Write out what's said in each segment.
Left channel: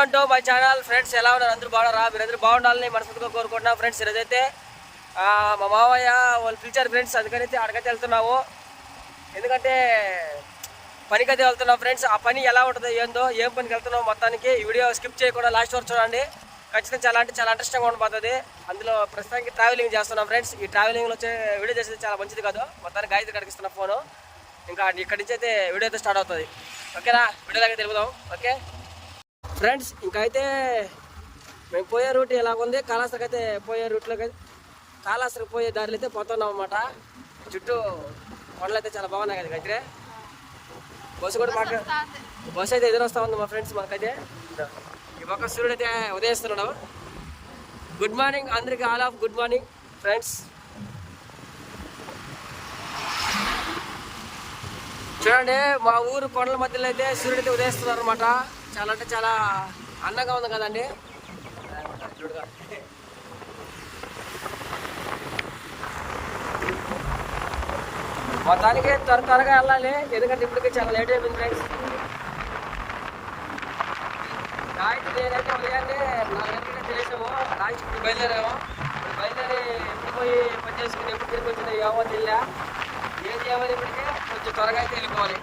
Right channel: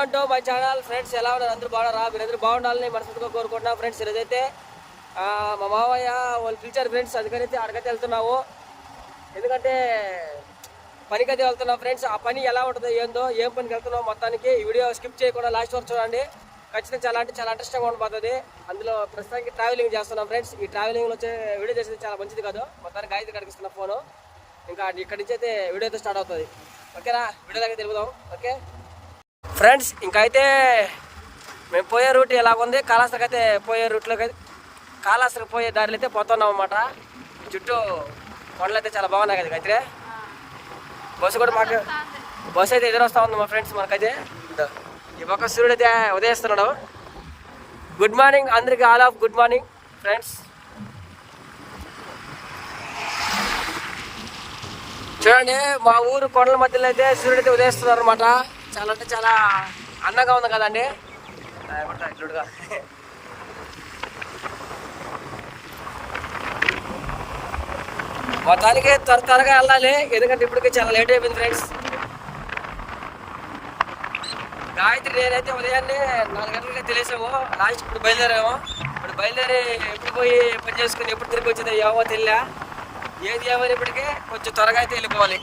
Welcome to my channel friends. ఎలా ఉన్నారు? అందరూ బాగున్నారా? మీరందరూ బాగుండాలని మనస్ఫూర్తిగా కోరుకుంటున్నాం ఫ్రెండ్స్. ఈరోజైతే మా మావయ్య వాళ్ళు పిలిచారు ఫ్రెండ్స్, అందుకనైతే అడగైతే వెళ్తున్నాము. ఎందుకంటే పనికైతే వెళ్తున్నాం ఫ్రెండ్స్. ఆ పని ఎలా ఉంటుందో ఏందో, ఏం పనికి వెళ్తున్నాం మొత్తానికి ఈ వీడియో స్కిప్ చేయకుండా లాస్ట్ వరకు చూడండి. ఖచ్చితంగా చాలా ఇంట్రెస్టింగ్గా ఉండిపోతుంది. అందులో ప్రస్తుతానికి ట్రావెలింగ్ చేస్తున్నాం ఫ్రెండ్స్. ఈ ట్రావెలింగ్లో వచ్చే వీడియో చేసేది చాలా మంచిది కాదు. మొత్తానికి గాయత్రి కడిగిస్తున్న ఫోను. ఇంకా ఇక్కడి నుంచి అయితే వీడియో అయితే స్టార్ట్ అవుతుంది. ఓకేనా? వీడియోలాగే తెలుపుదాం. ఓకే ఫ్రెండ్స్, ఇంకైతే మేము పోయే రూట్ ఎలాగుంది, కాళహస్తికి అయితే పోయే రూట్లోకి కాళహస్తికి పోయే దారిలో అయితే పోతున్నాం అన్నమాట. చుట్టూ కొండలు అయితే చాలా బాగున్నాయి కదా గాయత్రి. బస్సు అయితే ఎదురొస్తా ఉంది మా ఫ్రెండ్స్. మనకైతే ఈ పక్క సూర్యుడు అయితే ఉదయిస్తున్నాడు. గుడ్ మార్నింగ్ అందరికి, all of good morning friends. చూడండి, మా ఊరు కొండల మధ్యలో అయితే సూర్యుడు అయితే ఉదయిస్తున్నారు అనమాట. చాలా అంటే చాలా అందంగా ఉంది కదండి. చూడగా మొత్తానికి త్వరగా వెళ్ళాలి, ఎందుకంటే ఇప్పటికే చాలా లేట్ అయిపోయింది ఫ్రెండ్స్. గాయత్రి నేనైతే ఉదయాన్నే 4 గంటలకి తెలిసాము. లాస్ట్ ఇప్పుడు బయలుదేరాము. ఇప్పుడు బయలుదేరి ఎప్పుడు పోయి పని చేసుకుని ఎప్పుడు తిరిగి వచ్చేది ఏమో తెలియా. ఏది ఏమైనప్పటికీ కొంచెం త్వరగా అయితే వెళ్ళిపోవాలి.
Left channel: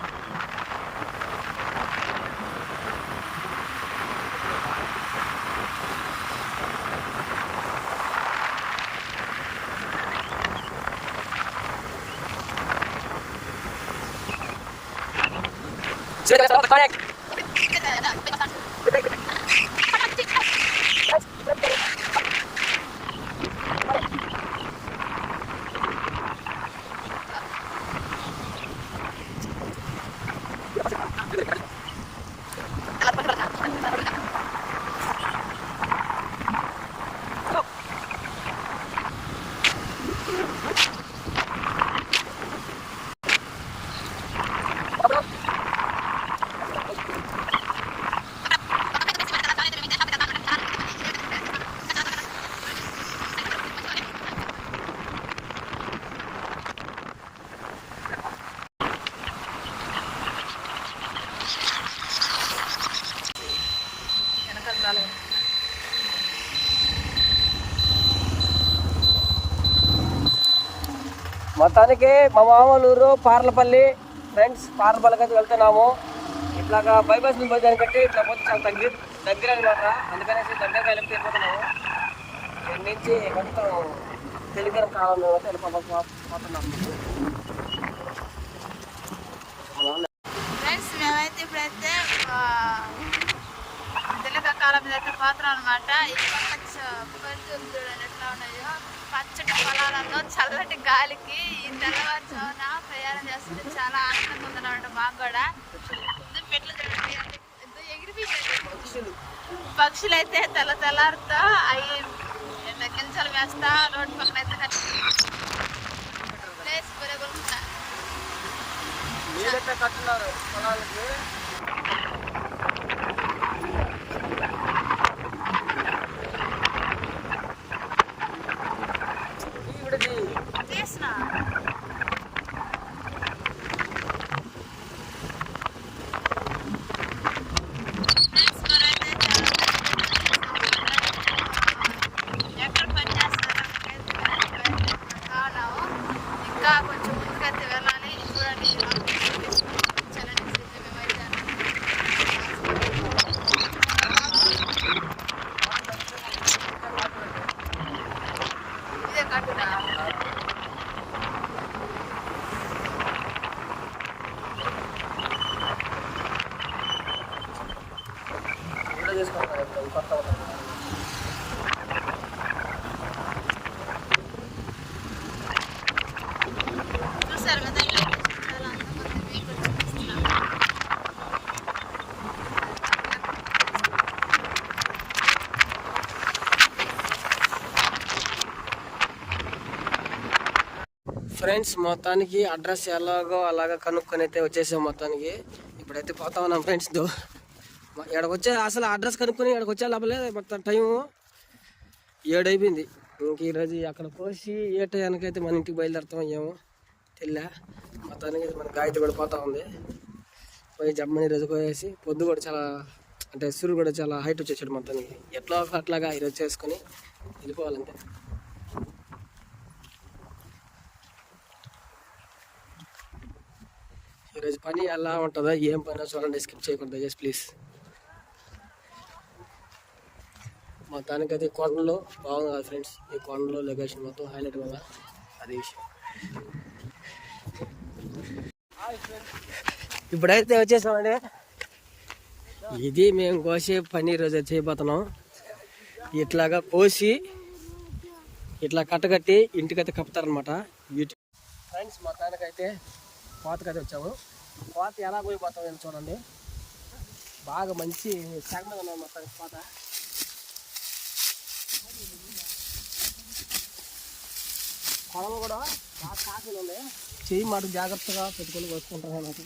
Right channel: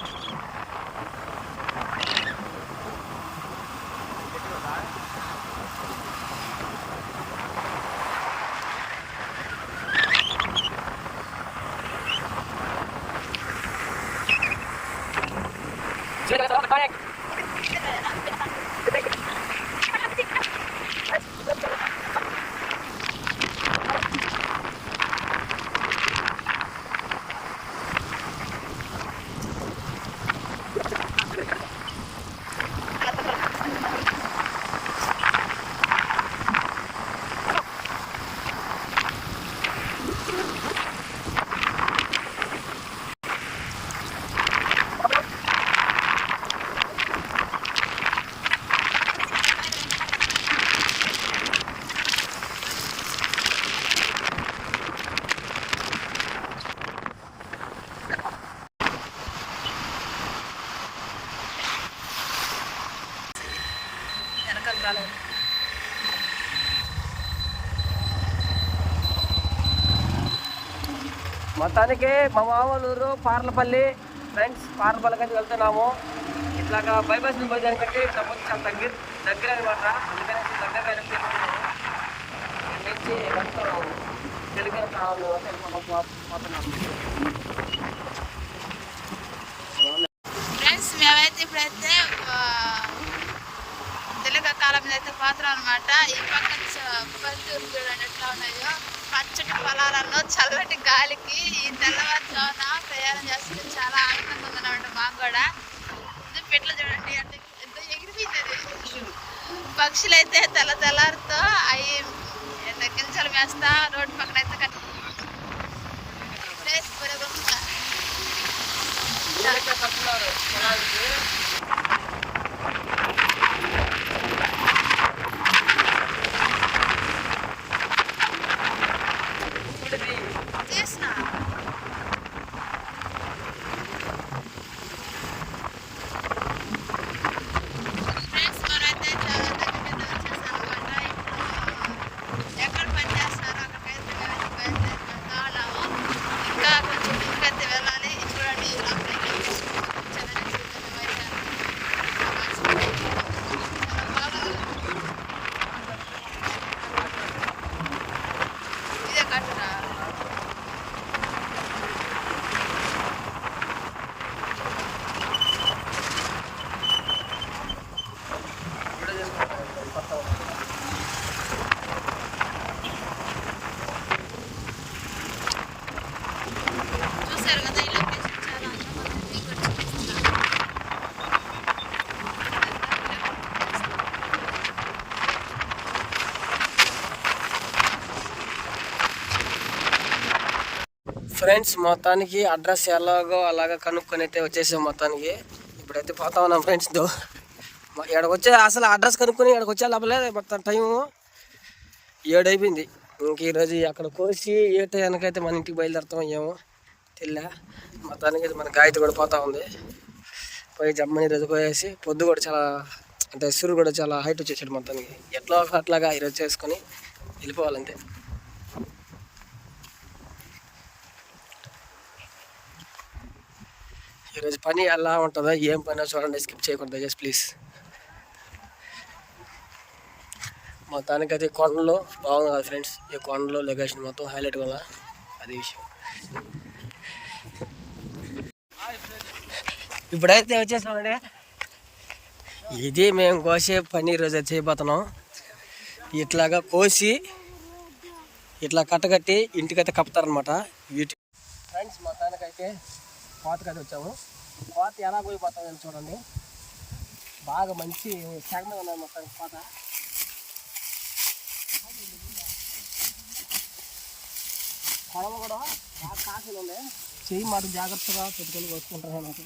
మొత్తానికి మా మామూలు పార్లపల్లి ఫ్రెండ్స్. పార్లపల్లికి అయితే వెళ్తున్నాము. ఇట్లాగా బైపాస్ నుంచి దాన్ని కట్టి ఇట్లా కొంచెం దగ్గర అనమాట. అందుకనేసి దగ్గరగా వెళ్ళి తీసుకుంటున్నాము. ఇక్కడ నుంచి మొత్తం తెలుగు కాలంలో పోతున్నాము ఫ్రెండ్స్. మేమైతే ఇప్పుడైతే తెలుగు కాలం మీద అయితే పోతున్నాం అనమాట. ఈ పక్క పల్లెటూరు చూడండి ఎట్లా ఉన్నాయో, పచ్చటి పొలాలలో చల్లటి గాలికి ఈ తెల్లవారుజామున ప్రయాణం చేస్తుంటే చాలా ఆనందంగా ఉందన్నమాట మాకు కూడా. పెట్లు చూడండి ఎంతో ఎగిరిపోయింది. పక్షులు అయితే తెల్లారితో అవి గింజలు వేస్తా రోడ్డు పక్కన అయితే ప్లేస్ పెరుగుతుంటా. కొంచెం ముందుకైతే వెళ్ళాలి. చూడండి ఇదే కట్టురా. చూసారు కదా, ఇలా చాలా అందంగా మీకు కూడా చూపిస్తున్నా. ఫ్రెండ్స్, మొత్తానికి అడ్రస్ ఎలాగో అలాగా కనుక్కొని అయితే వచ్చేసాం. మొత్తానికి ఇప్పుడైతే పోతా ఉన్నాం ఫ్రెండ్స్. ఇక్కడికి వచ్చే అసలు అడ్రస్ కనుక్కొని ఇక్కడికి వచ్చే లోపలే మొత్తం టైము 7 అయిపోయింది. ఇంక ఈరోజు అక్కడ కోసి ఏ టైంకైతే మన ఇంటికి బయలుదేరుతాం ఏమో తెలియ. మొత్తానికి మన గాయత్రి కూడా పోతా ఉంది. పోయి జమ్మని ఈరోజు పోయేసి పొద్దు కూడా చాలా అంటే సూర్యుడు కూడా చాలా హైట్ వచ్చేసాడు మొత్తానికి. ఎట్లా అట్లాగా ఈరోజు చేసుకొని వెళ్ళిపోవాలంతే. ఈరోజు పని ఎలా ఉంటుందో, ఏం పని చూడండి, స్కిప్ చేయకూడదు దయచేసి ప్లీజ్. మొత్తానికైతే కొండలో బాగుంది కదా ఫ్రెండ్స్. ఈ కొండలో లొకేషన్ మొత్తం హైలైట్ వల్ల అది విషయం. ఇప్పుడైతే వచ్చేసామండి. ఇది మేము కోసే పని ఈరోజు అయితే చేయబోతున్నాం. ఇట్లాగా కోసి ఇట్లా కట్టగట్టి ఇంటికైతే కప్పుతారనమాట వీటి. ఫ్రెండ్స్ మొత్తానికైతే కోతకైతే వచ్చాము. కోత ఎలా పోయిపోతాం చూడండి. బాగా మంచి శాఖ మీద ఉన్నది మొత్తానికి కోత. కొడవ కూడా బాగా కాకులు ఉన్నాయి. చెయ్యి మాట జాగ్రత్తగా పెట్టుకొని కోసుకుంటాను నాకు.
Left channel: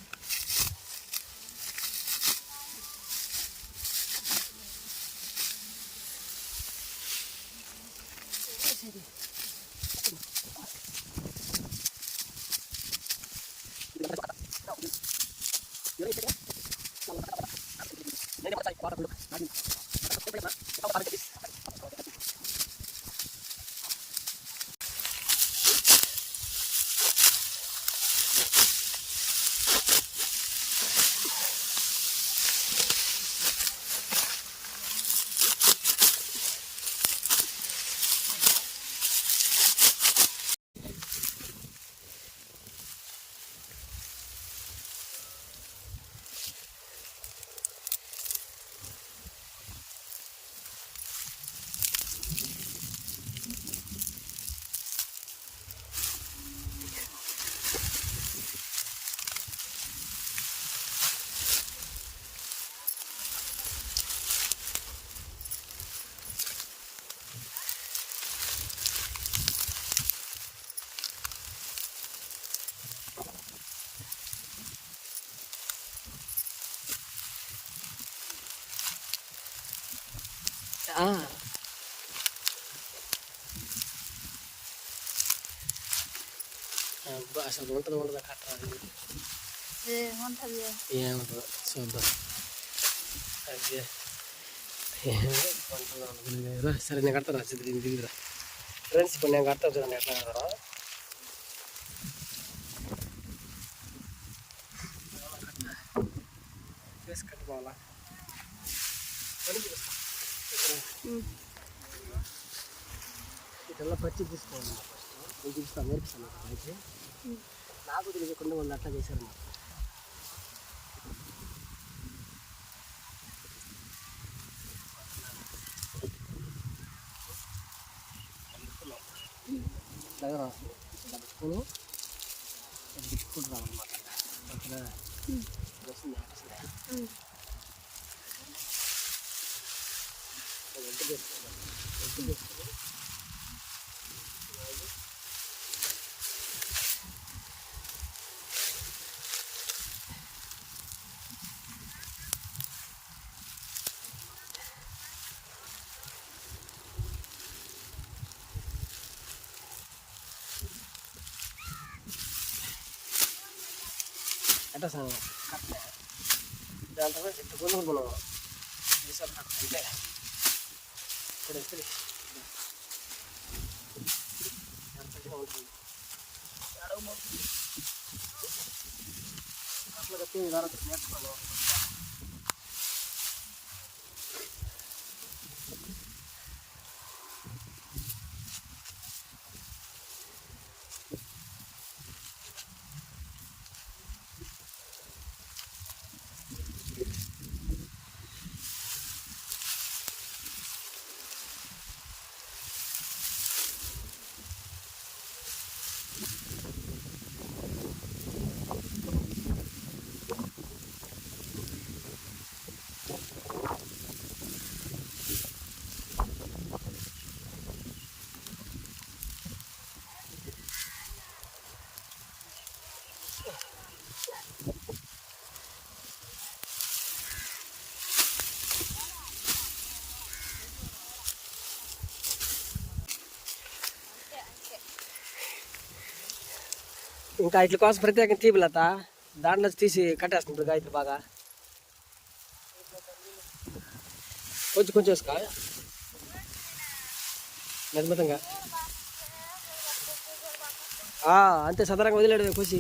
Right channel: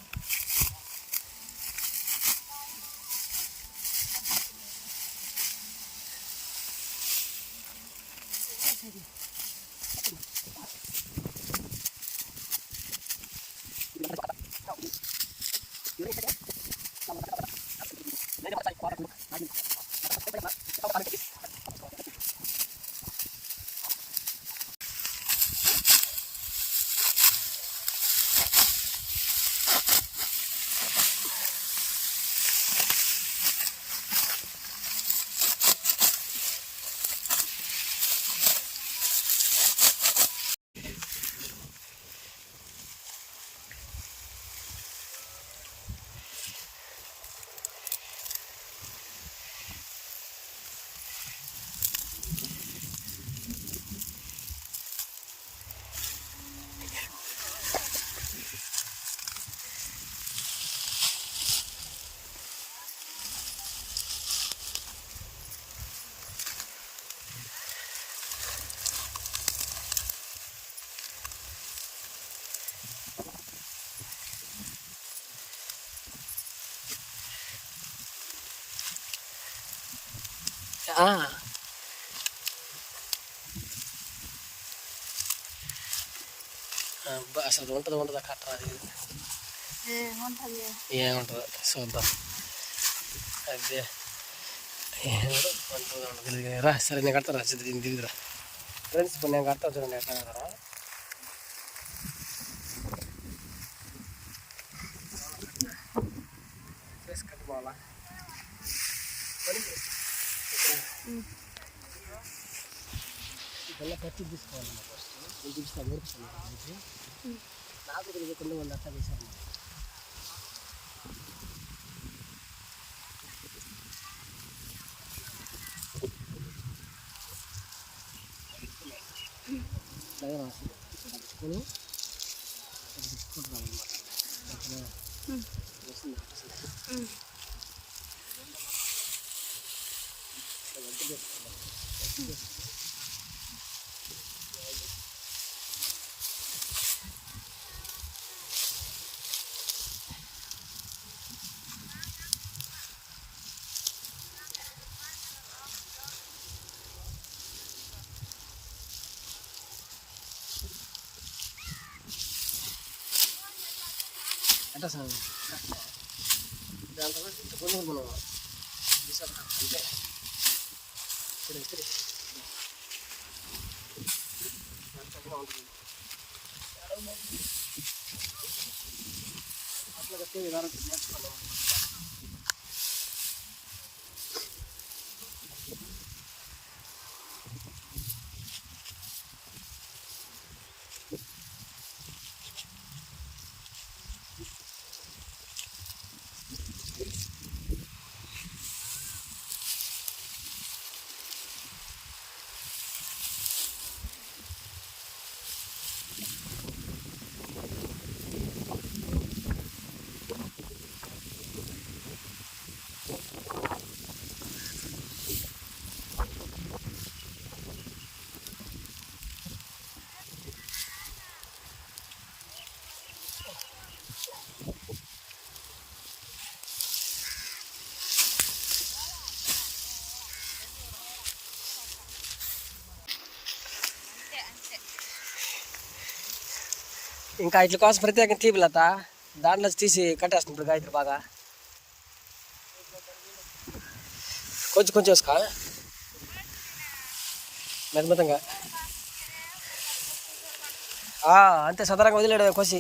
అసలు ఉంటుందా కట్టరా? ఏముంటుందో చూద్దాం. అదే ఉంటుందో తెలియదు రా. సరే నేను కడతారా? తెలియదురా ఫ్రెండ్స్. ఇప్పుడు నేను కడతా చూడండి ఎట్లా కడతారా. చేసి కట్టుకోవాలా? ఇట్లా పచ్చి తీసుకోవాలన్నమాట. ఫస్ట్ నేను చూపిస్తాను, నేర్పిస్తాను అయితే. నాకు తెలియకుండా వాళ్ళు అట్లా చేశారన్నమాట. పట్టుకొని బిస్కుట్ రావాలన్నమాట. అంటే సార్ దాంట్లో గుండెలు మనం అంటే ఇప్పుడు వచ్చి ఉంటుంది అట్లా కట్టి విధానం నేర్చుకోవాలి. ఇంకా ఇట్ల కోసం ప్రత్యేకంగా తీపిలత దాంట్లో తీసి కట్టేస్తుంటారు గాయత్రి బాగా. కొంచెం కొంచెం వేసుకో మెత్తమెత్తంగా. అంతే సదరంగా వదిలేడు కోసి.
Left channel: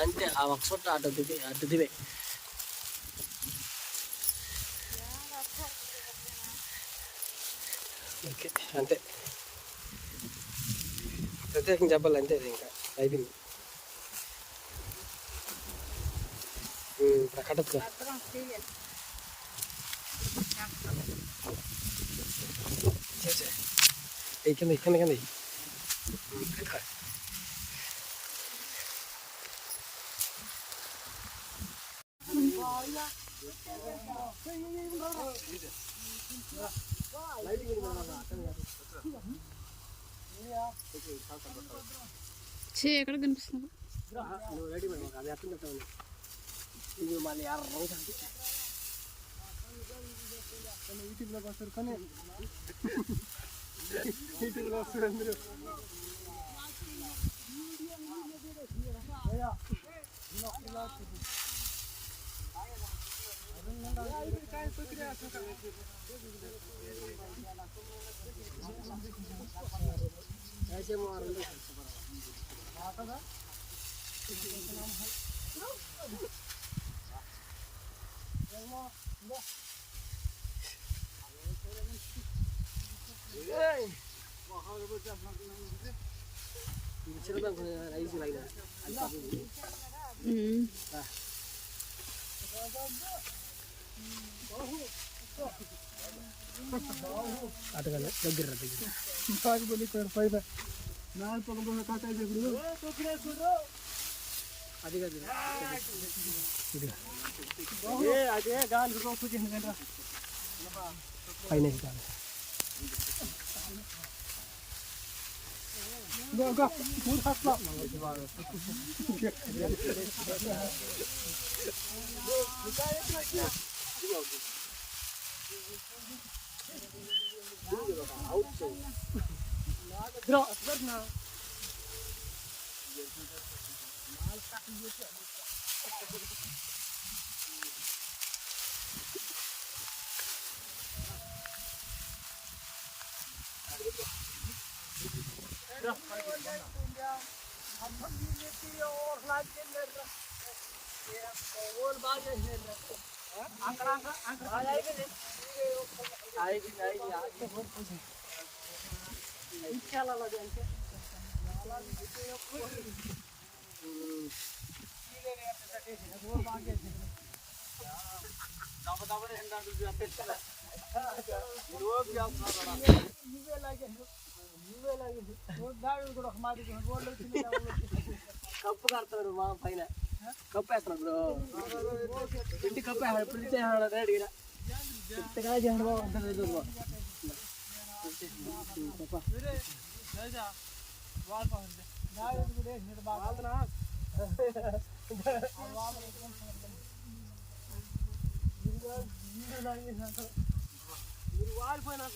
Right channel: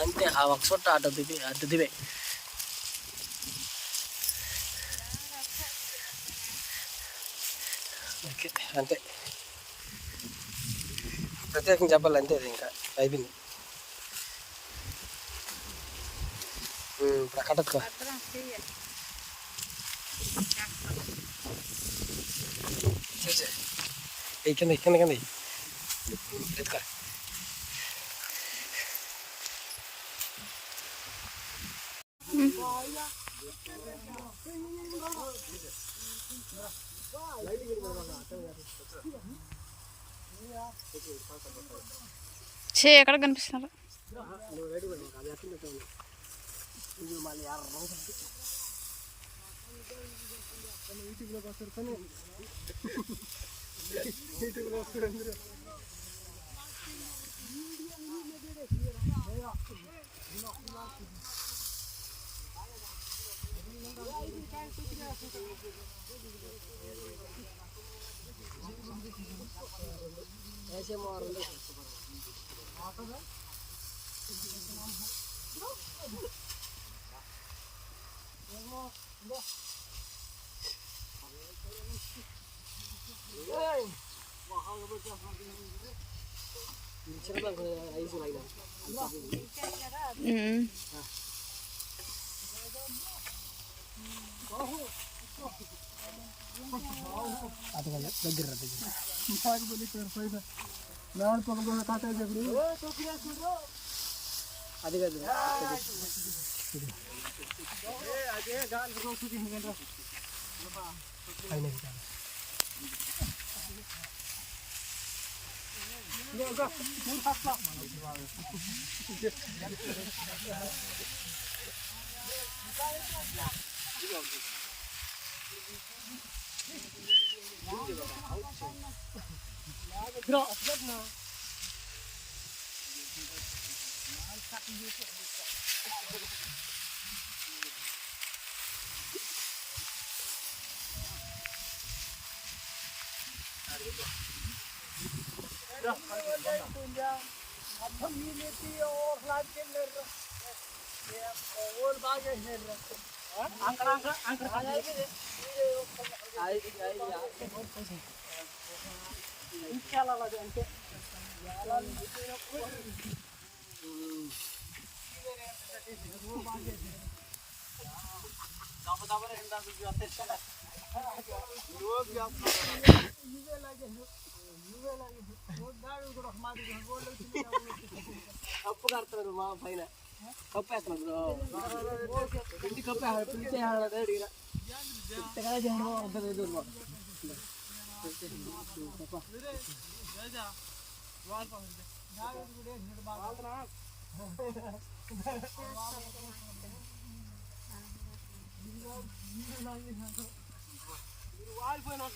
అంతే ఆ ఒక చుట్ట అటు దివే. ఓకే అంతే, ప్రత్యేకంగా చెప్పాలి అంతే. అది ఇంకా అయిపోయింది. ఇప్పుడు కట్టతుకో. చూసే కింద కింద కింద ఎత్తుకో. ఎక్కడ కనిపిస్తున్నారు? నువ్వు రెడీ అది అర్థం పెట్టాను. ఇది మళ్ళీ యూట్యూబ్లోకి వస్తారు కానీ యూట్యూబ్లో వస్తారు అందరూ. దగ్గర అది కాదు అదే గాలి పైన కప్పు కడతారు మా పైన కప్పు వేస్తున్నారు బ్రో. ఇంటి కప్పు పిలిచే మీరు వాలిపోయినా